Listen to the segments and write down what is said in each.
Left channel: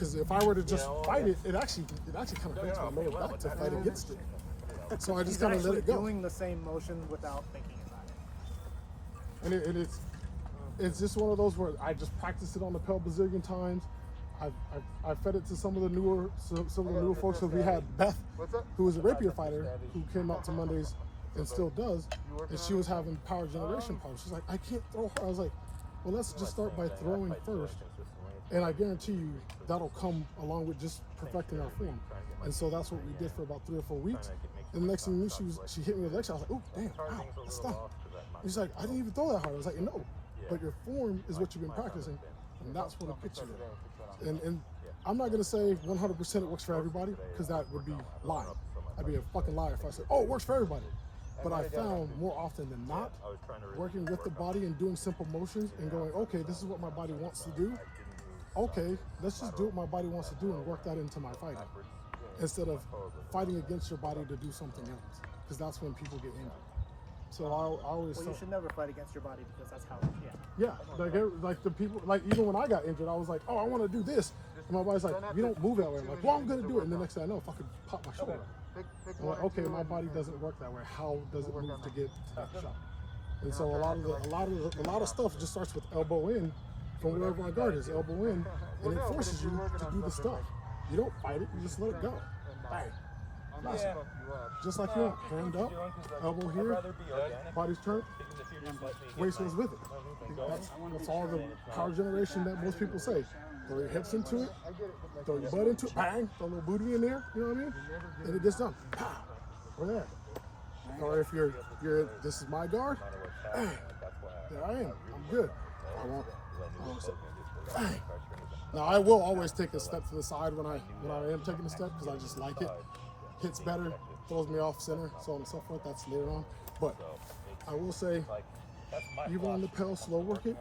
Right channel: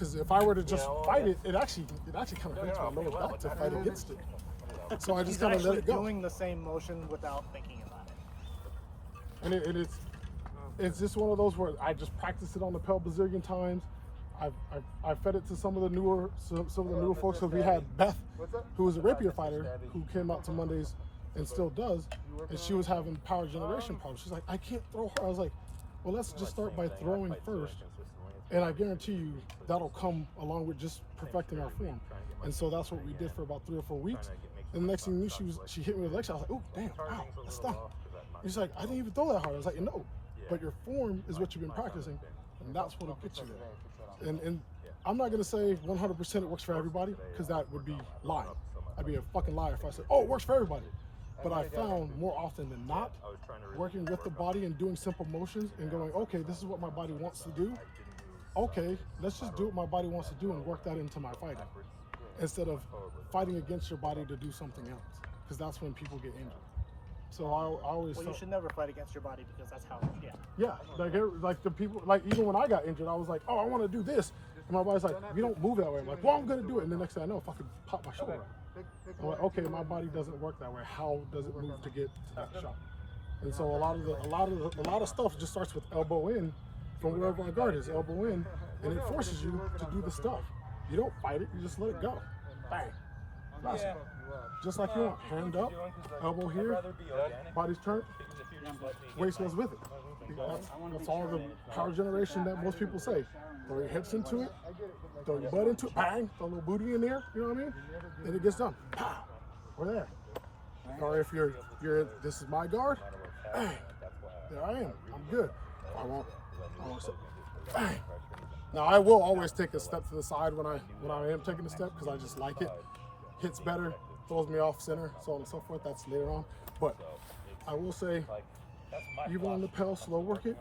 Because if I were to just fight it, it actually kind of breaks my lower back to fight against it. So I just kind of let it go. Doing the same motion without thinking about it. And it's just one of those where I just practiced it on the Pel bazillion times. I've fed it to some of the newer folks. Because we had Beth, who was a rapier fighter, who came out to Mondays and still does, and she was having power generation problems. She's like, I can't throw her. I was like, well, let's just start by throwing first, and I guarantee you that'll come along with just perfecting our form. And so that's what we did for about 3 or 4 weeks. And the next thing you knew, she hit me with a leg shot. I was like, oh, damn, wow, that's tough. He's like, I didn't even throw that hard. I was like, no, but your form is what you've been practicing, and that's what it puts you in. And I'm not going to say 100% it works for everybody, because that would be lying. I'd be a fucking liar if I said, oh, it works for everybody. But I found more often than not, working with the body and doing simple motions and going, okay, this is what my body wants to do. Okay, let's just do what my body wants to do and work that into my fighting, instead of fighting against your body to do something else, because that's when people get injured. So I always. Well, you should never fight against your body, because that's how. Like the people, like even when I got injured, I was like, oh, I want to do this, and my body's like, you don't move that way. I'm like, well, I'm gonna do it, and the next thing I know, fucking pop my shoulder. I'm like, okay, my body doesn't work that way. How does it move to get to that shot? And so a lot of stuff just starts with elbow in, from wherever I guard is elbow in, and it forces you to do the stuff. You don't fight it, you just let it go. Bang. Yeah. Just like you, hand up, elbow here, body's turned, waist goes with it. That's all the power generation that most people say. Throw your hips into it, throw your butt into it, bang, throw a little booty in there, you know what I mean? And it gets done. We're there. Or if you're this is my guard, bang, there I am, I'm good. I won't say, bang. Now I will always take a step to the side when I am taking a step, because I just like it. Hits better, throws me off center, so on and so forth. That's later on. But I will say, even on the Pel, slow work it.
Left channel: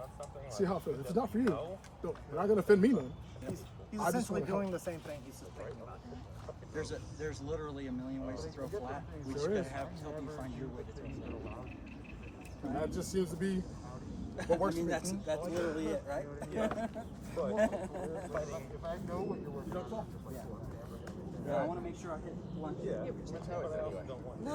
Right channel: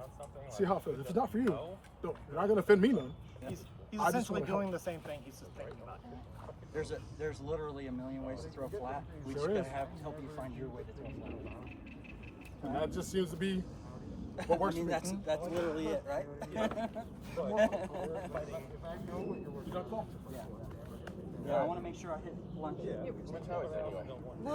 See how it feels. If it's not for you, you're not gonna offend me none. He's essentially doing the same thing he's talking about. There's literally a million ways to throw flat. We just gotta have something find your way to And that just seems to be what works for me. That's literally it, right? Yeah. But if I know what you're working on, just like I want to make sure I hit the one. yeah, but I also don't want you.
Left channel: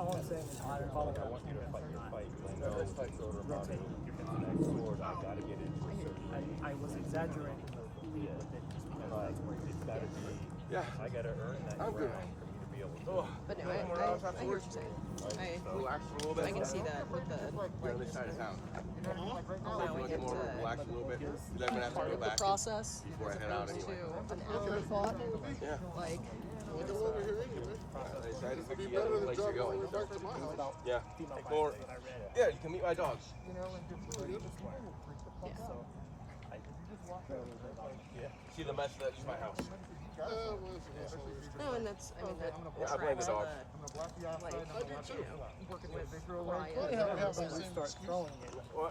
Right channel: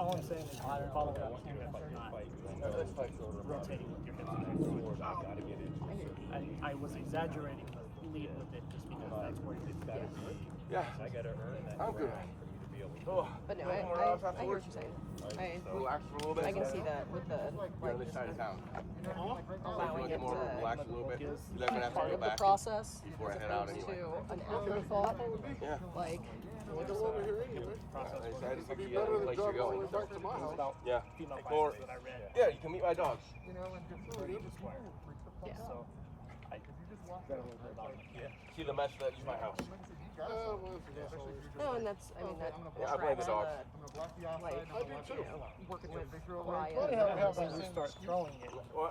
All I'm saying is, I want you to fight your fight, because I know with the shoulder body, the next sword, I gotta get into a certain range. I was exaggerating. And like, it's gotta be, I gotta earn that ground for me to be able to. But no, I hear what you're saying. I can see that with You know what I mean? Like right now, allowing it to be part of the process as opposed to an afterthought. Like, Yeah, you can meet my dogs. you know, and just people will freak the fuck out. If you just walk out, right? Like, See the mess that is my house. you gotta start. Especially if you're just no, and like, that's, okay, I'm gonna block Yeah, the dog. I'm gonna block the outside, and I'm gonna watch it working individual leg. What happens when you start throwing it? Well,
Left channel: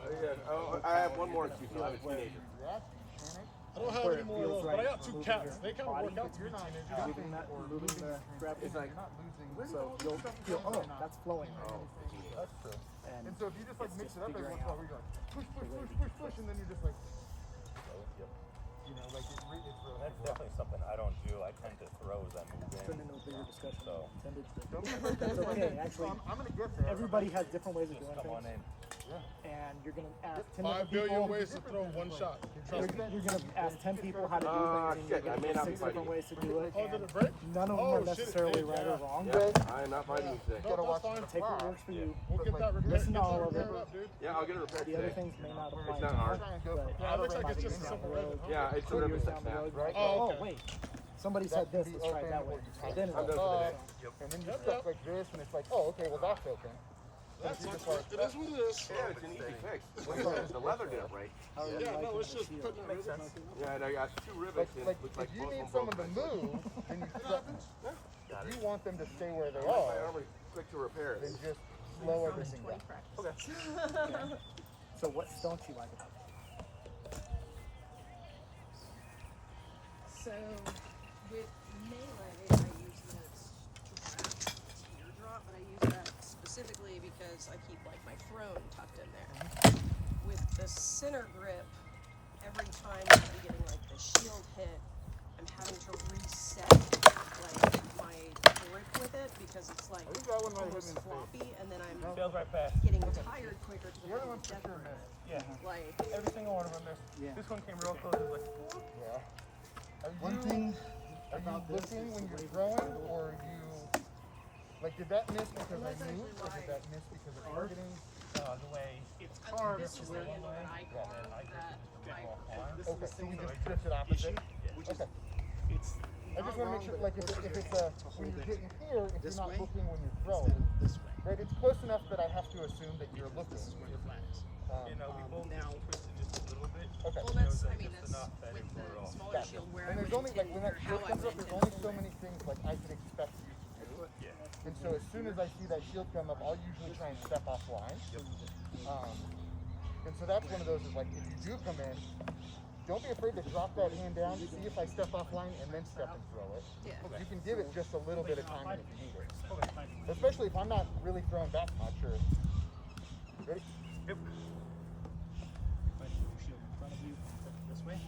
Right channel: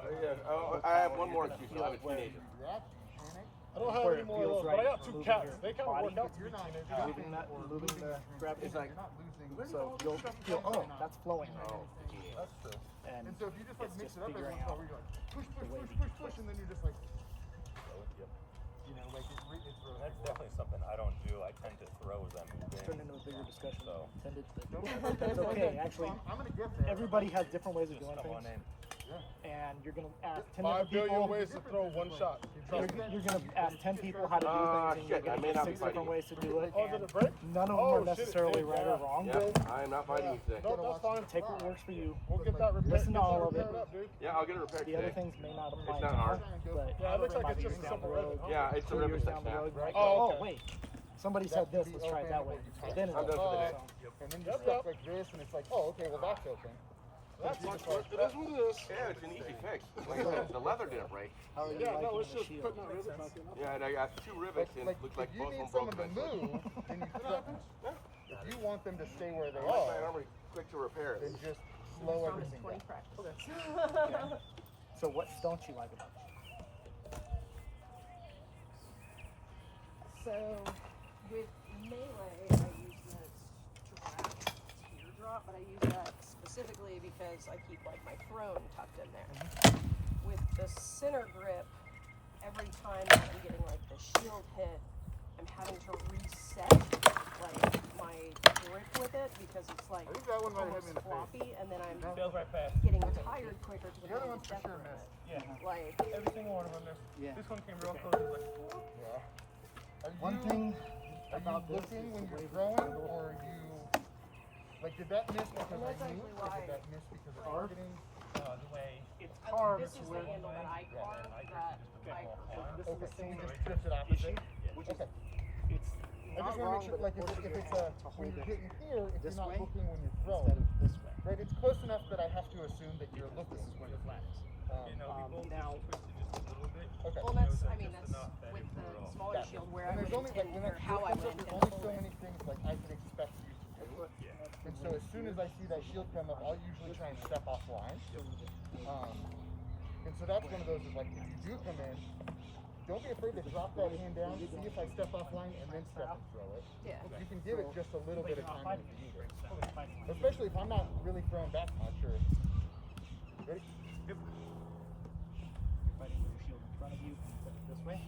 I have one more excuse. You have a teenager. React, panic, I don't have any more of those, but I got 2 cats. They kind of work out. but you're not jumping or moving the transition. You're not losing. So you'll feel, oh, that's flowing. That's true. And And so if you just like mix it up every once in a while, where you're like push, push, push, push, push, and then you're just like, you know, like it's really. That's definitely something I don't do. I tend to throw as I move it's been in. a bigger discussion. So Intended to- Don't be afraid to just like, Okay, actually, I'm gonna get there. everybody has different ways of just doing come on things, in. and you're gonna ask 10 5 different billion people. ways to throw one shot. You're gonna ask 10 people how to do things, and you're gonna get 6 different ways to do it. Oh, did And it break? none of them Oh, are shit, necessarily yeah. right or wrong. I'm not fighting you today. You gotta No, watch that's the fine. Take what fly. works for you. We'll get that repaired. Listen to all of it. Dude. Yeah, I'll get it repaired The other today. things may not apply It's to not you, hard. Try and go but from out of looks like range it's to just in simple. range. Yeah, it's 2 a years river down the now. road, Right? oh wait, somebody That said can this, be let's try open that or way. you tighten Then it stuff goes up, and then you're stuck like this, and it's like, oh, okay, well that's open. But if you're just like, It is what it is. Yeah, it's an easy fix. What if I was The to leather lift didn't it? break. Yeah, no, it's just putting it Makes sense. Yeah, and I got 2 rivets. and Like it looks if you both need of them someone to broken. move, then you threaten them. If you want them to stay where they I are, only quick to repair then it. just slow everything down. Okay. So what don't you like about it? so with melee, I use this teardrop, but I use that specifically because I keep like my throne tucked in there. With the center grip, every time I'm getting like the shield that one might hit me in the face. floppy, and then I'm Sails right past. getting tired quicker. To The other one's for sure missed. Yeah. Like, Every single one of them missed. Yeah. This one came real close. It was like, whoop. Yeah. Are One you thing looking when you're throwing, or are you like, did that miss because I moved, or did that miss because of targeting? The way It's hard. this is the one angle way, that I and got. then I drifted just a bit more flying. Okay, so you just drifted opposite. Okay. It's I just want to make sure, like, if it's when you're hitting here, if you're not looking when you're throwing, right? It's close enough that I have to assume that you're looking. You know, we both just twisted just a little bit. Okay. Well, And it was that's, I like mean, just that's enough that it with blew it the off. smaller Gotcha. shield where And there's only, like, when that how shield I comes up, went there's in. only so many things, like, I can expect you to do. Yeah. And so as soon as I see that shield come up, I'll usually try and step offline. Yep. And so that's one of those is, like, if you do come in, don't be afraid to drop that hand down, see if I step offline, and then step and throw it. Yeah. You can give it just a little bit of timing if you need it. Especially if I'm not really throwing back much, or... Ready? Yep. shield in front of you. This way.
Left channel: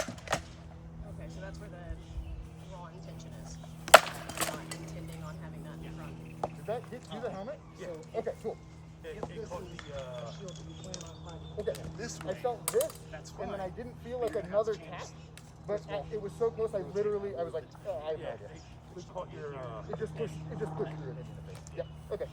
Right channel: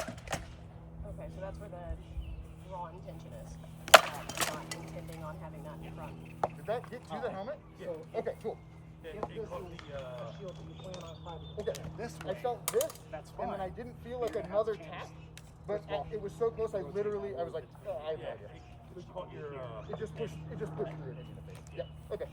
Okay, so that's where the raw intention is. Not intending on having that in front. Did that get to the helmet? Yeah. Okay, cool. It caught the, Okay, I felt this, and then I didn't feel like another tap, but it was so close, I was like, oh, I have no yeah, idea. we caught your, It just pushed through it into the face. Yeah, okay.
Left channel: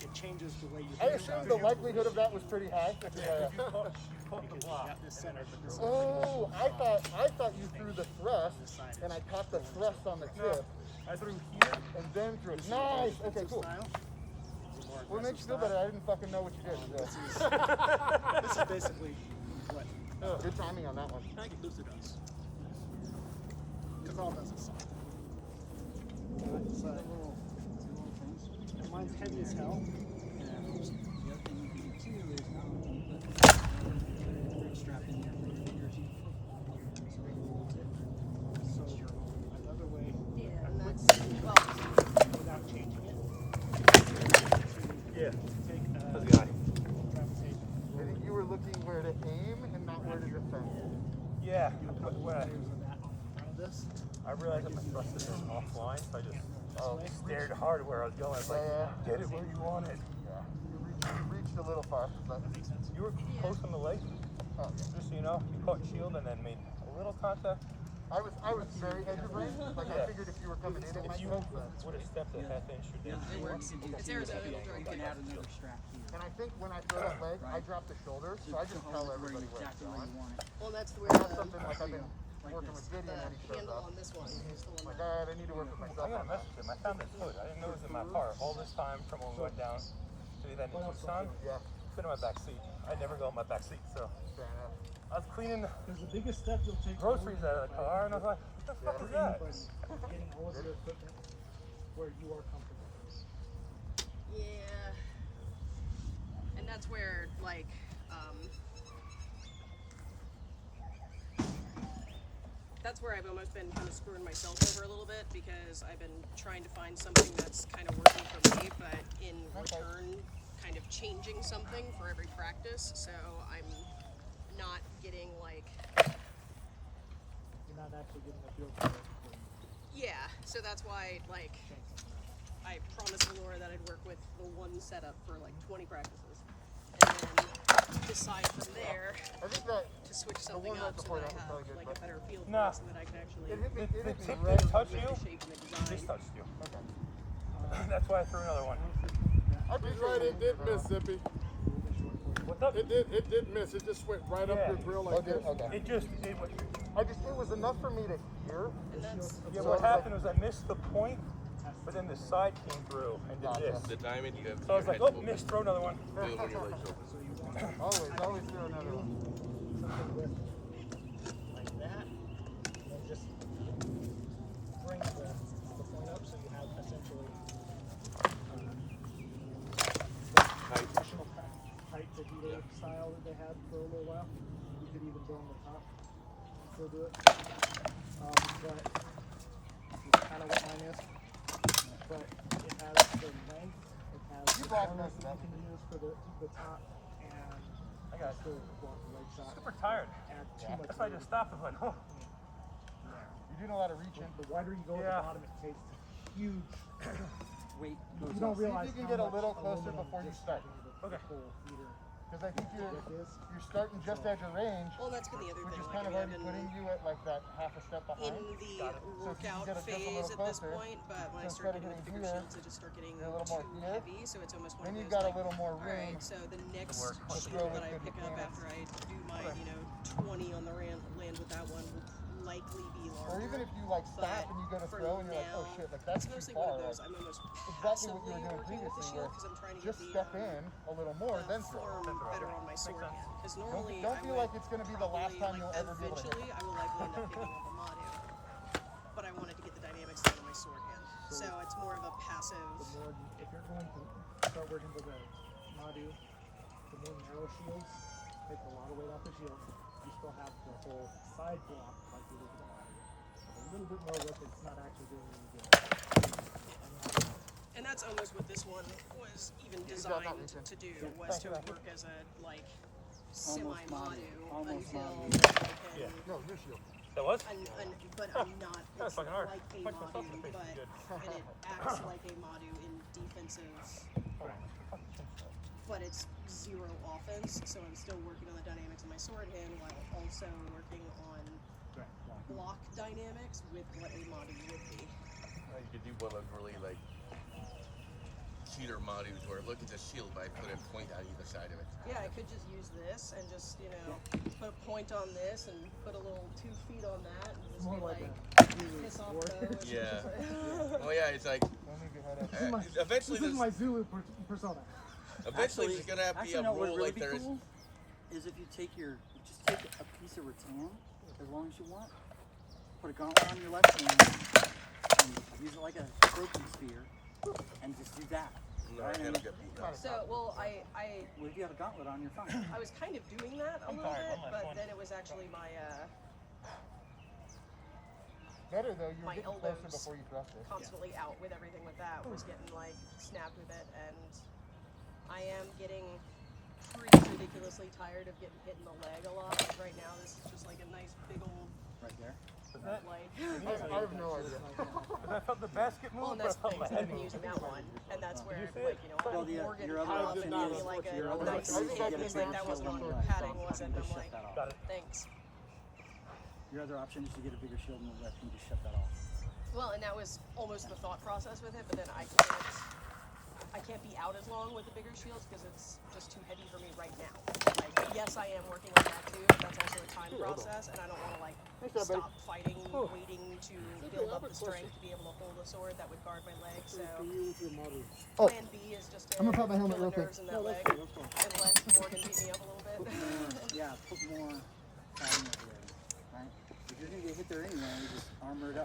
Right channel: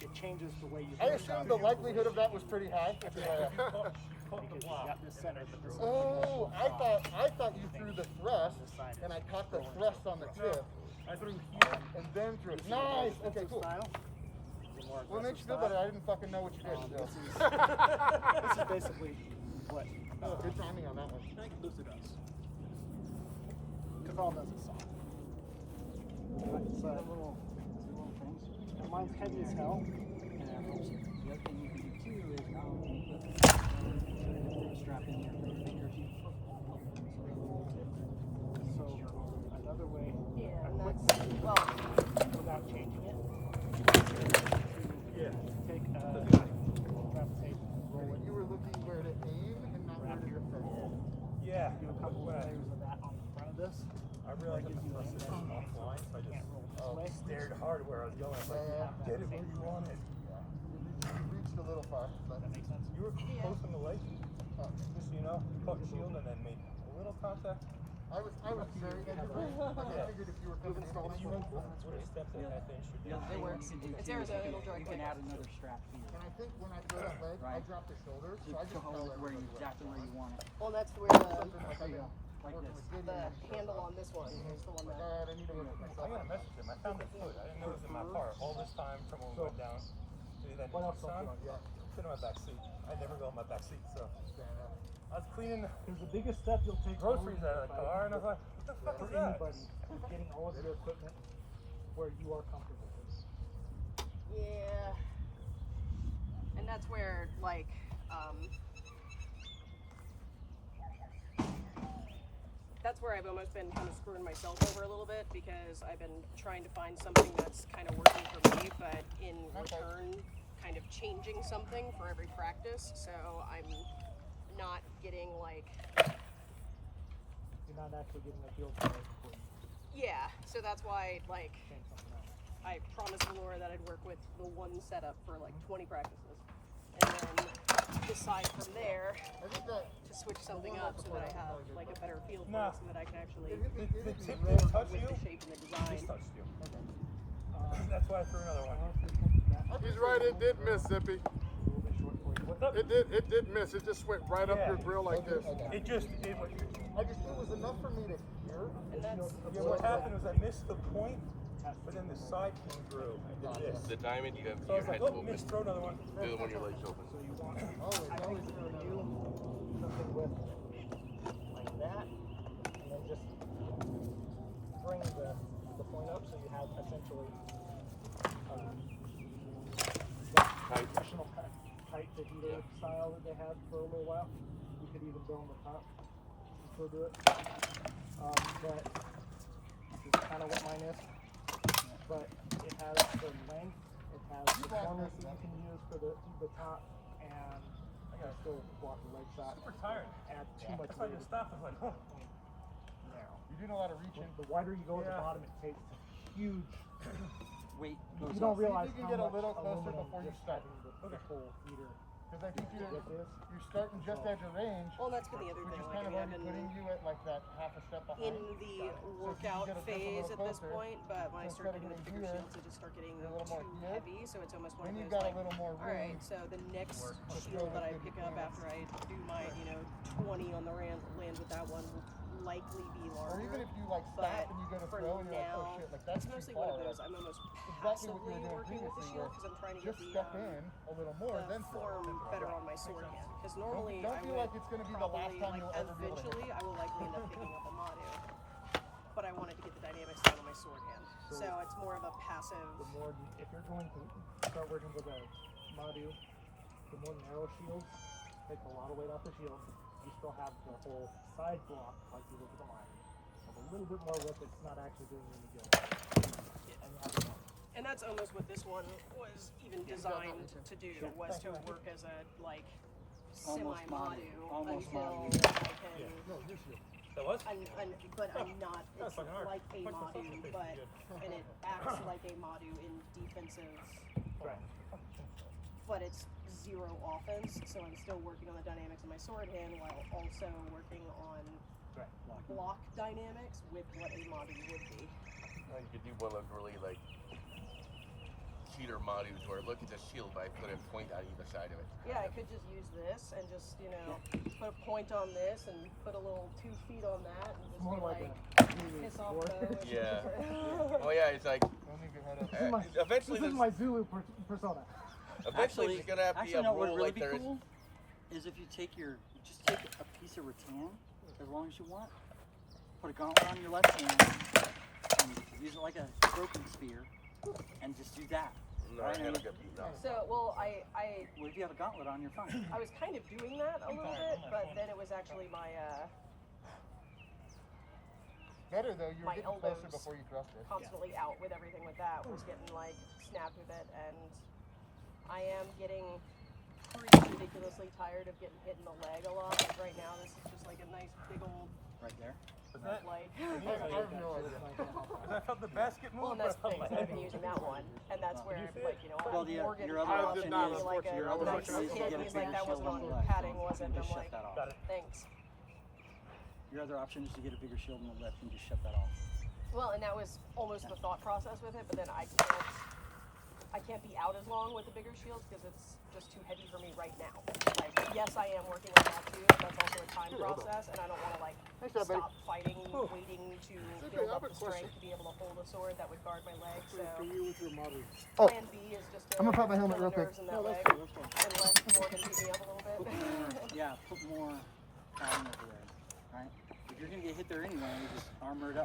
It changes the way you. I assumed the likelihood of that was pretty high, which is why you caught the block, and then I just drove it. oh, I thought you threw the thrust, and I caught the thrust on the tip, I threw here. and then threw it. Nice, okay, cool. Well, it makes you feel better, I didn't fucking know what you did, so. This is basically what Good timing on that one. Luther does. Because all does is something. So, mine's heavy as hell. Yeah, and that's, well, Without changing it. Yeah. Take, That's the eye. gravitate. I think you were looking where to aim and not where to defend. Yeah, but when That on front of this. I realized that my thrust is offline, so I just stared hard where I was going. I was like, get it where you want it. Yeah. You reached a little far, but You were close on the leg, just so you know. You caught shield and then made a little contact. I was very edge of range. Like I figured if you were coming in, it If might you work, but would have stepped a half inch, you'd been it works. It's Arizona, it'll drag You can back. add another strap here. and I think when I throw that leg, I drop the shoulder, so I just tell everybody where it's Exactly where going. you want it. Well, that's where That's the something like I've been working with Gideon when he shows handle up. on this one is the one Like, that. alright, I need to work with myself. I got a message him. I found this foot. I didn't know it was in my car all this time from when we went down to then to Tucson. Yeah, It's been in my back seat. I never go in my back seat, so fair enough. I was cleaning Because the biggest step you'll take. groceries out of the car, and I was like, what the fuck is that? Getting all of your equipment where you are comfortable. Yeah. And that's where, like, that's where I've almost been kind of screwing myself over a little bit because I've been trying to find something that's kind of working for me, but in return, kind of changing something for every practice. So I'm not getting like, You're not actually getting a feel for it. yeah. So that's why, like, I promised Laura that I'd work with the one setup for like 20 practices, and then decide from there I think that to switch the something one right up so before that I that was have probably good, like but a better feel for Nah. it so that I can actually it hit me The right. tip didn't touch the you. shape and the design. This touched you. Okay. That's why I threw another one. He's right, it did miss, Zippy. What's up? It did miss. It just went right up Yeah. your grill like Okay, this. okay. It went. It was enough for me to hear. And that's Yeah, what happened was I missed the point, but then the side came through and did this. The diamond, you have So I was like, oh, missed, throw another one. Always do another one. Like that. And then just bring the point up so you have essentially traditional tight Vita style that they had for a little while. You could even go on the top and still do it. But it's kind of what mine is. But it has the length, it has the block corners most of that that. you can use for the top, and I got still block the leg shot. super tired. Add too Yeah. much That's why I weight. just stopped. I was like, oh. You doing a lot of reaching. The wider you go at Yeah. the bottom, it takes huge Weight You goes don't up. See if realize you can how get a much little closer aluminum before you just start. went into the Okay. whole heater. Because I think you're Like this. starting just at your range, Well, and that's been the other which thing. is like, kind of I mean, already I've putting been you at like that half a step in behind. the So if you can workout get it just a phase little at this closer, point, but when so I start instead of getting the hitting bigger here, shields, I just start getting you're a little more too here, heavy. So it's almost one then of you've those, got a like, little more all room right, so the next to shield throw that with I good pick up mechanics. after I do my, 20 on the land with that one will likely be larger. Or even if you like stop and you go to for throw and you're like, oh now, shit, like that's it's too mostly far. one of those, Like I'm almost exactly what you were passively doing working with the previously, shield where 'cause I'm trying to just get the, step in a little more, then throw. form better on my sword hand. Because normally Don't I feel would like it's going to be the last probably, time you'll ever be able to hit eventually it. I will likely end up picking up a Madu. But I wanted to get the dynamics down on my sword hand. So it's more of a passive. The more if you're going to start working with a Madu, the more narrow shields take a lot of weight off the shield. You still have the whole side block like you would with a Madu. A little bit more width, it's not actually doing any good. And that's almost what this one was even designed to do, was to work as a like semi-Madu Almost until Madu. I can. No, new shield. That was? But I'm not. That's It's fucking hard. like a Punch myself in Madu, the face but is good. and it acts like a Madu in defensive, Hold on. but it's zero offense. So I'm still working on the dynamics of my sword hand while also working on block dynamics with what a Madu would be. You could do one of really like cheater modus where look at the shield, I put a point on either side of it. Yeah, I could just use this and just, put a point on this and put a little 2 feet on that and just More be like like, a piss off war. those. Yeah. Oh yeah, it's like Don't leave your head up. eventually This is there's, my Zulu persona. eventually there's gonna have to be a no, what rule would really like be there is. cool is if you take just take a piece of rattan, as long as you want, put a gauntlet on your left hand, and use it like a broken spear, and just do that. No, Right? I And don't get So, well, what if you have a gauntlet on your phone? I was kind of doing that a little tired, bit, one last but one. then it was actually my, Better though, you were my getting closer elbows before you thrust it. constantly out with everything with that, was getting, like, snapped with it, and I am getting pretty ridiculously tired of getting hit in the leg a lot. Right now, this is just like a nice big old Right there. Was that? light. I have no idea. Because I felt the basket Well, move, and but I that's the felt thing, my so head I've been move. using that one, and that's where, you like, see it? Well, Morgan, your the other option option is is like a I was nice like, I just hit got because the that wasn't on sword what padding stop was, and and I'm just shut like, that off. Got it. thanks. Your other option is to get a bigger shield and let him just shut that off. Well, and that was almost the thought process with it, but then I can't be out as long with the bigger shields because it's just too heavy for me right now. Like, yes, I am working on that too, but that's also a time process, and I don't want to like Nice job, buddy. stop fighting, waiting to okay, build I up have a the strength question. to be able to hold a sword that would guard my legs. So For you with your Madu. Oh. plan B is just to I'm gonna pop my helmet kill real quick. nerves in that No, that's leg cool. That's fine. and let Morgan beat me up a little bit. Yeah, put more padding over there, right? If you're gonna get hit there anyway, you just armor it up